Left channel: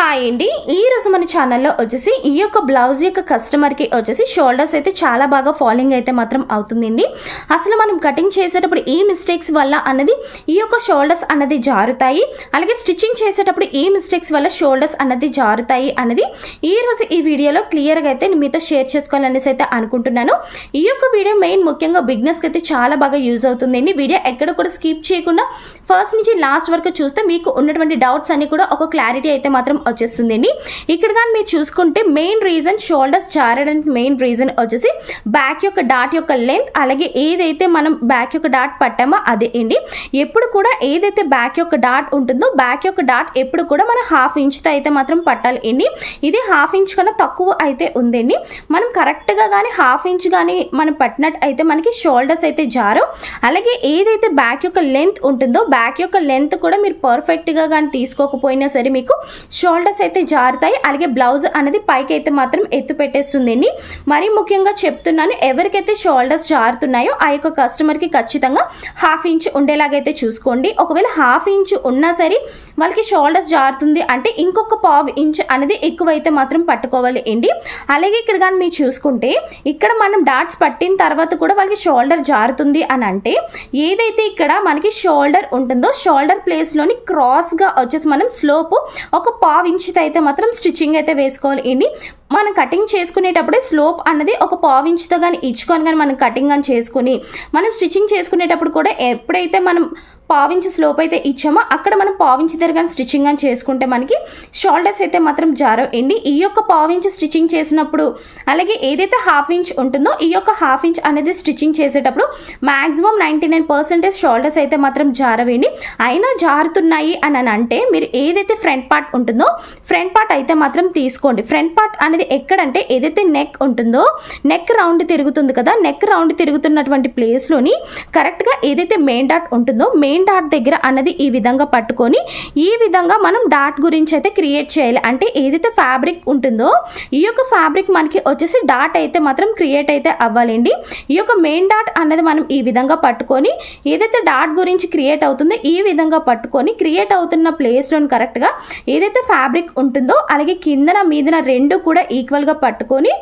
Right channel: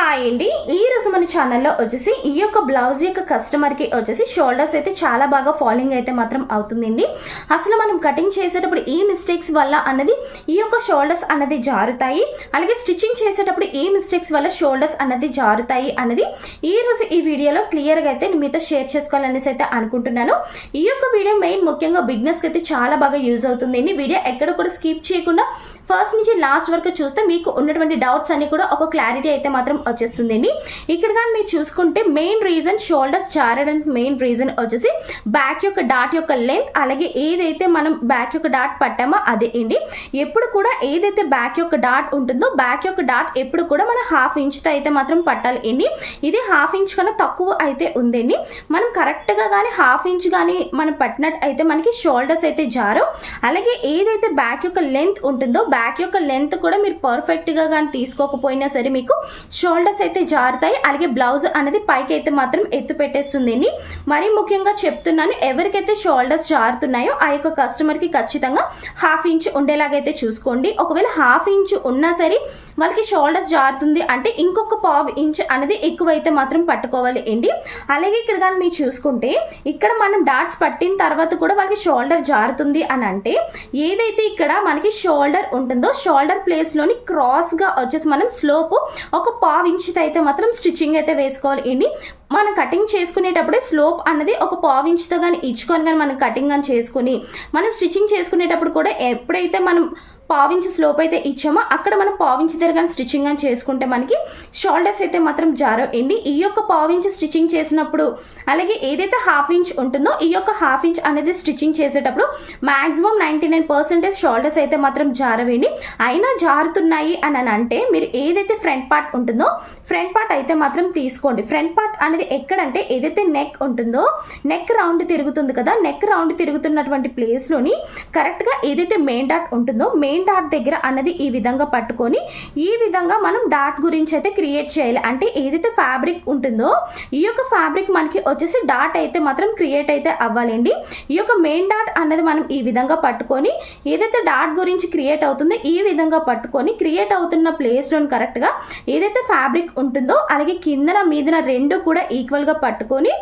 Hi అండి, ఈ రోజు మన ఛానల్లో వచ్చేసి ఈ యొక్క బ్లౌజ్ యొక్క కస్టమర్కి వచ్చేసి షోల్డర్స్ అయితే చాలా బాగా ఫాలింగ్ అయితే మాత్రం అవుతుందండి. అసలు మనం కటింగ్ చేసేటప్పుడు ఈ మిస్టేక్స్ వల్ల అన్నది ఈ యొక్క షోల్డర్స్ అన్నది జారుతాయి, అలాగే స్టిచ్చింగ్ చేసేటప్పుడు ఈ మిస్టేక్స్ వల్ల షోల్డర్స్ అన్నది జారుతాయి అన్నది ఈ రోజు ఈ వీడియోలో క్లియర్గా అయితే మీతో షేర్ చేసుకోవాలనేసి అయితే అనుకుంటున్నాను. ఈ యొక్క వీడియో మెయిన్ ముఖ్యంగా బిగినర్స్కి అయితే చాలా బాగా యూజ్ అవుతుందండి. వీడియో ఎక్కడ కూడా స్కిప్ చేయకుండా ఫస్ట్ నుంచి లాస్ట్ వరకు చూస్తే మీకు ఉన్నటువంటి డౌట్స్ అన్ని కూడా ఒక క్లారిటీ అయితే మాత్రం వచ్చేస్తుందండి. ఇక్కడ కానీ మీరు చూసుకుంటే మెయిన్ రీజన్ షోల్డర్స్ జారడానికి మెయిన్ రీజన్ వచ్చేసి బ్యాక్ యొక్క డాట్ యొక్క లెంత్, అలాగే ఏదైతే మనం బ్యాక్ యొక్క డాట్ పట్టామో అదే అండి. ఎప్పుడు కూడా ఏదైతే బ్యాక్ యొక్క డాట్ ఉంటుందో బ్యాక్ యొక్క డాట్ ఎప్పుడు కూడా మనం హాఫ్ ఇంచ్తో అయితే మాత్రం పట్టాలి అండి. ఇది హాఫ్ ఇంచ్ కన్నా తక్కువ అయితే ఉందండి. మనం కరెక్ట్గా కానీ హాఫ్ ఇంచ్ కానీ మనం పట్టినట్టు అయితే మనకి షోల్డర్స్ అయితే జారవు. అలాగే ఏదైతే బ్యాక్ యొక్క లెంత్ ఉంటుందో బ్యాక్ యొక్క లెంత్ కూడా మీరు పర్ఫెక్ట్గా కానీ తీసుకోకపోయినా సరే మీకు షోల్డర్స్ అయితే జారుతాయి. అలాగే బ్లౌజ్ అనేది పైకి అయితే మాత్రం ఎత్తు పెట్టేస్తుందండి. మరీ ముఖ్యంగా చెప్తున్నాను, ఎవరికైతే షోల్డర్స్ జారుతున్నాయో ఆ యొక్క కస్టమర్కి ఖచ్చితంగా హాఫ్ ఇంచ్ ఉండేలాగైతే చూసుకోండి. ఒకవేళ హాఫ్ ఇంచ్ ఉన్నా సరే వాళ్ళకి షోల్డర్స్ జారుతుంది అంటే ఇంకొక పావు ఇంచ్ అనేది ఎక్కువైతే మాత్రం పట్టుకోవాలి అండి. అలాగే ఇక్కడ కానీ మీరు చూసుకుంటే ఇక్కడ మనం డాట్స్ పట్టిన తర్వాత కూడా వాళ్ళకి షోల్డర్ జారుతుంది అని అంటే ఏదైతే ఇక్కడ మనకి షోల్డర్ ఉంటుందో షోల్డర్ ప్లేస్లోని క్రాస్గా వచ్చేసి మనం స్లోప్ ఒక పావు ఇంచుతో అయితే మాత్రం స్టిచ్చింగ్ అయితే వేసుకోవాలి అండి. మనం కటింగ్ చేసుకునేటప్పుడే స్లోప్ అన్నది ఒక పావు ఇంచుతో కానీ ఇచ్చుకొని కానీ మనం కటింగ్ కానీ చేసుకుని మనం స్టిచ్చింగ్ చేసుకునేటప్పుడు కూడా ఎప్పుడైతే మనం పావించి స్లోప్ అయితే ఇచ్చామో అక్కడ మనం పావించి దగ్గర స్టిచ్చింగ్ అని చేసుకుంటే మనకి షోల్డర్స్ అయితే మాత్రం జారవండి. ఈ యొక్క పావించి స్టిచ్చింగ్ చేసినప్పుడు అలాగే ఏదైతే హాఫ్ ఇంచ్ ఉంటుందో ఈ యొక్క హాఫ్ ఇంచ్ అనేది స్టిచ్చింగ్ చేసేటప్పుడు మాక్సిమం 99% షోల్డర్స్ అయితే మాత్రం జారవండి. అయినా జారుతున్నాయి అని అంటే మీరు ఏదైతే ఫ్రంట్ పార్ట్ ఉంటుందో ఫ్రంట్ పార్ట్ అయితే మాత్రం తీసుకోండి. ఫ్రంట్ పార్ట్ అనేది ఎక్కడంటే ఏదైతే నెక్ ఉంటుందో నెక్ రౌండ్ తిరుగుతుంది కదా, నెక్ రౌండ్ తిరుగుతున్నటువంటి ప్లేస్లోని కరెక్ట్గా ఏదైతే మెయిన్ డాట్ ఉంటుందో మెయిన్ డాట్ దగ్గర అన్నది ఈ విధంగా పట్టుకొని ఈ విధంగా మనం డాట్ గురించి అయితే క్రియేట్ చేయాలి. అంటే ఏదైతే ఫ్యాబ్రిక్ ఉంటుందో ఈ యొక్క ఫ్యాబ్రిక్ మనకి వచ్చేసి డాట్ అయితే మాత్రం క్రియేట్ అయితే అవ్వాలండి. ఈ యొక్క మెయిన్ డాట్ అన్నది మనం ఈ విధంగా పట్టుకొని ఏదైతే డాట్ గురించి క్రియేట్ అవుతుందో ఈ విధంగా పట్టుకొని క్రియేట్ అవుతున్న ప్లేస్లో కరెక్ట్గా ఏదైతే ఫ్యాబ్రిక్ ఉంటుందో అలాగే కిందన మీదన రెండు కూడా ఈక్వల్గా పట్టుకొని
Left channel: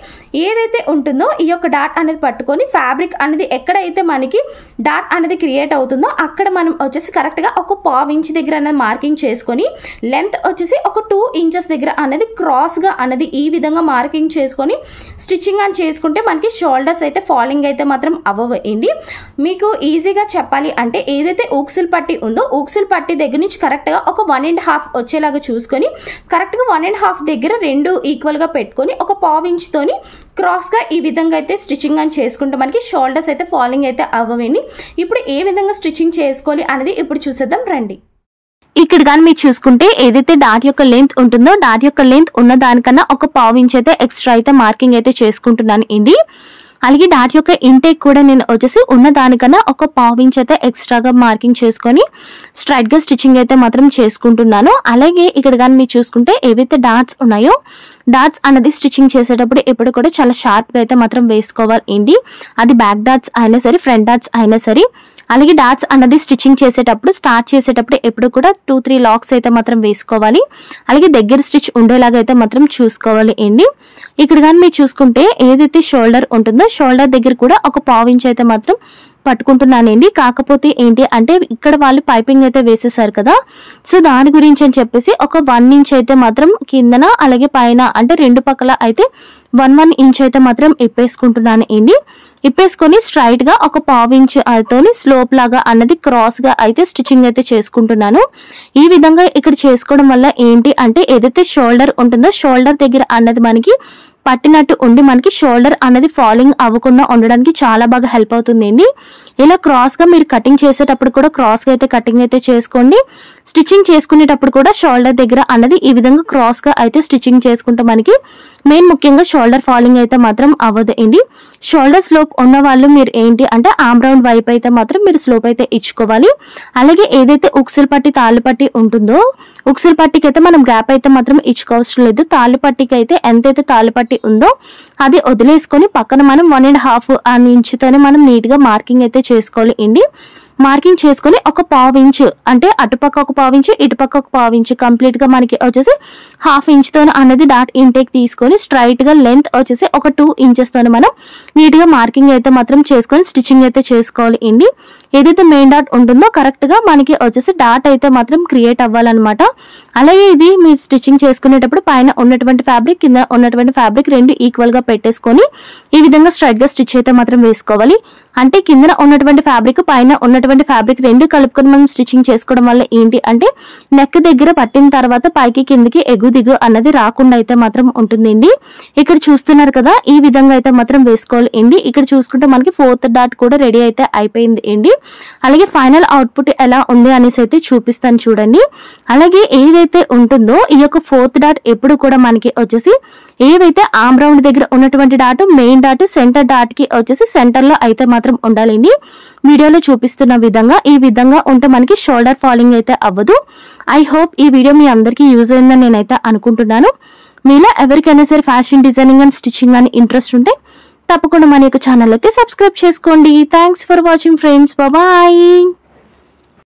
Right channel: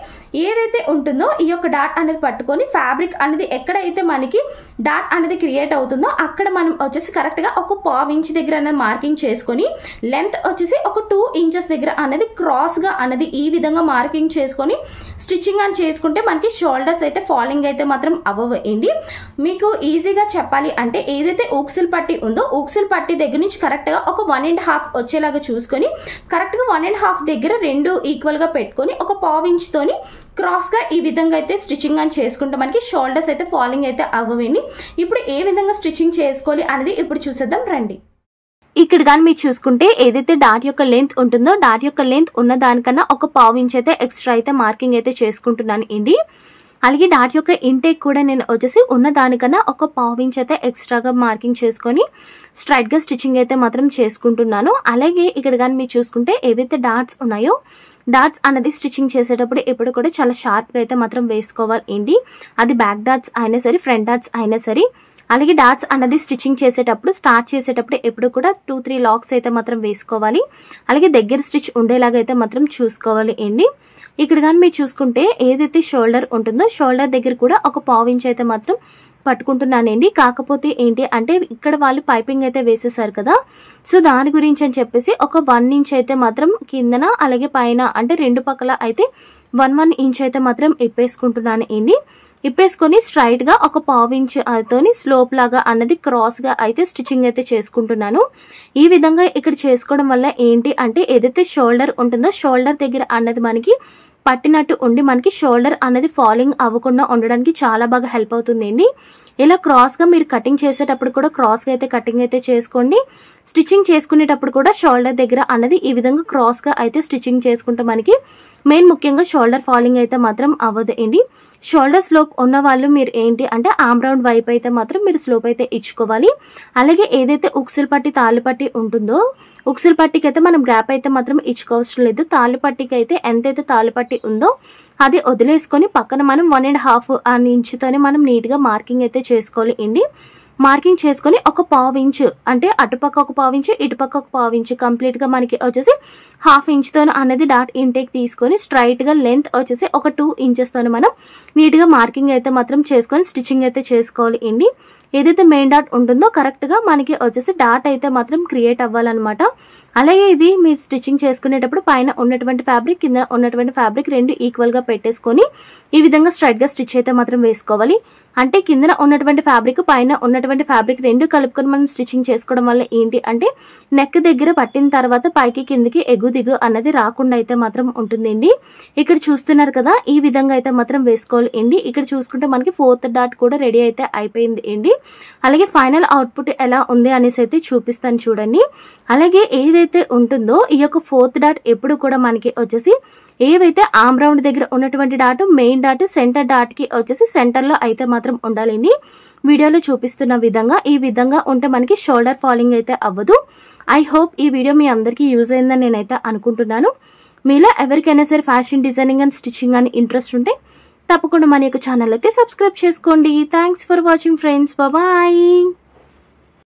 ఏదైతే ఉంటుందో ఈ యొక్క డాట్ అనేది పట్టుకొని ఫ్యాబ్రిక్ అనేది ఎక్కడైతే మనకి డాట్ అనేది క్రియేట్ అవుతుందో అక్కడ మనం వచ్చేసి కరెక్ట్గా ఒక పావు ఇంచ్ దగ్గర అనేది మార్కింగ్ చేసుకొని లెంత్ వచ్చేసి ఒక 2 ఇంచెస్ దగ్గర అనేది క్రాస్గా అనేది ఈ విధంగా మార్కింగ్ చేసుకొని స్టిచ్చింగ్ అని చేసుకుంటే మనకి షోల్డర్స్ అయితే ఫాలింగ్ అయితే మాత్రం అవ్వండి. మీకు ఈజీగా చెప్పాలి అంటే ఏదైతే ఊక్సులు పట్టి ఉందో ఊక్సులు పట్టి దగ్గర నుంచి కరెక్ట్గా ఒక 1.5 వచ్చేలాగా చూసుకొని కరెక్ట్గా 1.5 దగ్గర రెండు ఈక్వల్గా పెట్టుకొని ఒక పావు ఇంచ్తోని క్రాస్గా ఈ విధంగా అయితే స్టిచ్చింగ్ అని చేసుకుంటే మనకి షోల్డర్స్ అయితే ఫాలింగ్ అయితే అవ్వండి. ఇప్పుడు ఏ విధంగా స్టిచ్చింగ్ చేసుకోవాలి అనేది ఇప్పుడు చూసేద్దాం రండి. ఇక్కడ కానీ మీరు చూసుకుంటే ఏదైతే డాట్ యొక్క లెంత్ ఉంటుందో డాట్ యొక్క లెంత్ ఉన్న దానికన్నా ఒక పావు ఇంచ్ అయితే ఎక్స్ట్రా అయితే మార్కింగ్ అయితే చేసుకుంటున్నాను అండి. అలాగే డాట్ యొక్క ఇంటేక్ కూడా నేను వచ్చేసి ఉన్న దానికన్నా ఒక పావు ఇంచ్ అయితే ఎక్స్ట్రాగా మార్కింగ్ చేసుకొని స్ట్రైట్గా స్టిచ్చింగ్ అయితే మాత్రం చేసుకుంటున్నాను. అలాగే ఇక్కడ కానీ మీరు చూసుకుంటే ఏవైతే డాట్స్ ఉన్నాయో డాట్స్ అనేది స్టిచ్చింగ్ చేసేటప్పుడు ఎప్పుడు కూడా చాలా షార్ప్గా అయితే మాత్రం వేసుకోవాలి ఏంటి, అది బ్యాక్ డాట్స్ అయినా సరే ఫ్రంట్ డాట్స్ అయినా సరే. అలాగే డాట్స్ అన్నది స్టిచ్చింగ్ చేసేటప్పుడు స్టార్ట్ చేసేటప్పుడు ఎప్పుడు కూడా 2-3 లాక్స్ అయితే మాత్రం వేసుకోవాలి. అలాగే దగ్గర స్టిచ్ ఉండేలాగా అయితే మాత్రం చూసుకోవాలి ఏంటి. ఇక్కడ కానీ మీరు చూసుకుంటే ఏదైతే షోల్డర్ ఉంటుందో షోల్డర్ దగ్గర కూడా ఒక పావు ఇంచ్ అయితే మాత్రం పట్టుకుంటున్నానండి. కాకపోతే ఏంటి అంటే ఇక్కడ వాళ్ళు పైపింగ్ అయితే వేసేసారు కదా, సో దాని గురించి అని చెప్పేసి ఒక 1 ఇంచ్ అయితే మాత్రం కిందన అలాగే పైన అంటే రెండు పక్కల అయితే 1 ఇంచ్ అయితే మాత్రం ఇప్పేసుకుంటున్నాను అండి. ఇప్పేసుకొని స్ట్రైట్గా ఒక పావు ఇంచ్ తోని స్లోప్ లాగా అన్నది క్రాస్గా అయితే స్టిచ్చింగ్ అయితే చేసుకుంటున్నాను. ఈ విధంగా ఇక్కడ చేసుకోవడం వల్ల ఏంటి అంటే ఏదైతే షోల్డర్ ఉంటుందో షోల్డర్ దగ్గర అన్నది మనకి పట్టినట్టు ఉండి మనకి షోల్డర్ అనేది ఫాలింగ్ అవ్వకుండా ఉండడానికి చాలా బాగా హెల్ప్ అవుతుందండి. ఇలా క్రాస్గా మీరు కటింగ్ చేసేటప్పుడు కూడా క్రాస్గా అయితే కటింగ్ అయితే చేసుకోండి. స్టిచ్చింగ్ చేసుకునేటప్పుడు కూడా షోల్డర్ దగ్గర అన్నది ఈ విధంగా క్రాస్గా అయితే స్టిచ్చింగ్ చేసుకుంటే మనకి మెయిన్ ముఖ్యంగా షోల్డర్ ఫాలింగ్ అయితే మాత్రం అవ్వదు అండి. షోల్డర్ స్లోప్ ఉన్న వాళ్ళు మీరు ఏంటి అంటే ఆమ్ రౌండ్ వైపు అయితే మాత్రం మీరు స్లోప్ అయితే ఇచ్చుకోవాలి. అలాగే ఏదైతే ఉక్సులు పట్టి తాళ్ళు పట్టి ఉంటుందో ఉక్సులు పట్టికి అయితే మనం గ్యాప్ అయితే మాత్రం ఇచ్చుకోవసరం లేదు. తాళ్ళు పట్టికి అయితే ఎంతైతే తాళ్ళు పట్టి ఉందో అది వదిలేసుకొని పక్కన మనం 1.5 ఇంచుతోనే మనం నీట్గా మార్కింగ్ అయితే చేసుకోవాలి అండి. మార్కింగ్ చేసుకొని ఒక పావు ఇంచు అంటే అటుపక్క ఒక పావు ఇంచు ఇటుపక్క ఒక పావు ఇంచు కంప్లీట్ గా మనకి వచ్చేసి హాఫ్ ఇంచ్తో అనేది డాట్ ఇంటేక్ తీసుకొని స్ట్రైట్గా లెంత్ వచ్చేసి ఒక 2 ఇంచెస్తో మనం నీట్గా మార్కింగ్ అయితే మాత్రం చేసుకొని స్టిచ్చింగ్ అయితే చేసుకోవాలి అండి. ఏదైతే మెయిన్ డాట్ ఉంటుందో కరెక్ట్గా మనకి వచ్చేసి డాట్ అయితే మాత్రం క్రియేట్ అవ్వాలన్నమాట. అలాగే ఇది మీరు స్టిచ్చింగ్ చేసుకునేటప్పుడు పైన ఉన్నటువంటి ఫ్యాబ్రిక్ కింద ఉన్నటువంటి ఫ్యాబ్రిక్ రెండు ఈక్వల్గా పెట్టేసుకొని ఈ విధంగా స్ట్రైట్గా స్టిచ్ అయితే మాత్రం వేసుకోవాలి. అంటే కింద ఉన్నటువంటి ఫ్యాబ్రిక్ పైన ఉన్నటువంటి ఫ్యాబ్రిక్ రెండు కలుపుకొని మనం స్టిచ్చింగ్ చేసుకోవడం వల్ల ఏంటి అంటే నెక్ దగ్గర పట్టిన తర్వాత పైకి కిందకి ఎగు దిగు అన్నది రాకుండా అయితే మాత్రం ఉంటుందండి. ఇక్కడ చూస్తున్నారు కదా, ఈ విధంగా అయితే మాత్రం వేసుకోవాలి అండి. ఇక్కడ చూసుకుంటే మనకి 4th డాట్ కూడా రెడీ అయితే అయిపోయింది అండి. అలాగే ఫైనల్ అవుట్పుట్ ఎలా ఉంది అనేసి అయితే చూపిస్తాను చూడండి. అలాగే ఏదైతే ఉంటుందో ఈ యొక్క 4th డాట్ ఎప్పుడు కూడా మనకి వచ్చేసి ఏవైతే ఆర్మ్ రౌండ్ దగ్గర ఉన్నటువంటి dot main dot centre dot కి వచ్చేసి సెంటర్ లో అయితే మాత్రం ఉండాలండి. వీడియోలో చూపిస్తున్న విధంగా ఈ విధంగా ఉంటే మనకి షోల్డర్ ఫాలింగ్ అయితే అవ్వదు. ఐ హోప్ ఈ వీడియో మీ అందరికీ యూజ్ అయిందని నేనైతే అనుకుంటున్నాను. మీలో ఎవరికైనా సరే ఫ్యాషన్ డిజైనింగ్ అండ్ స్టిచ్చింగ్ అని ఇంట్రెస్ట్ ఉంటే తప్పకుండా మన యొక్క ఛానల్ అయితే సబ్స్క్రైబ్ చేసుకోండి. Thanks for watching friends. Bye.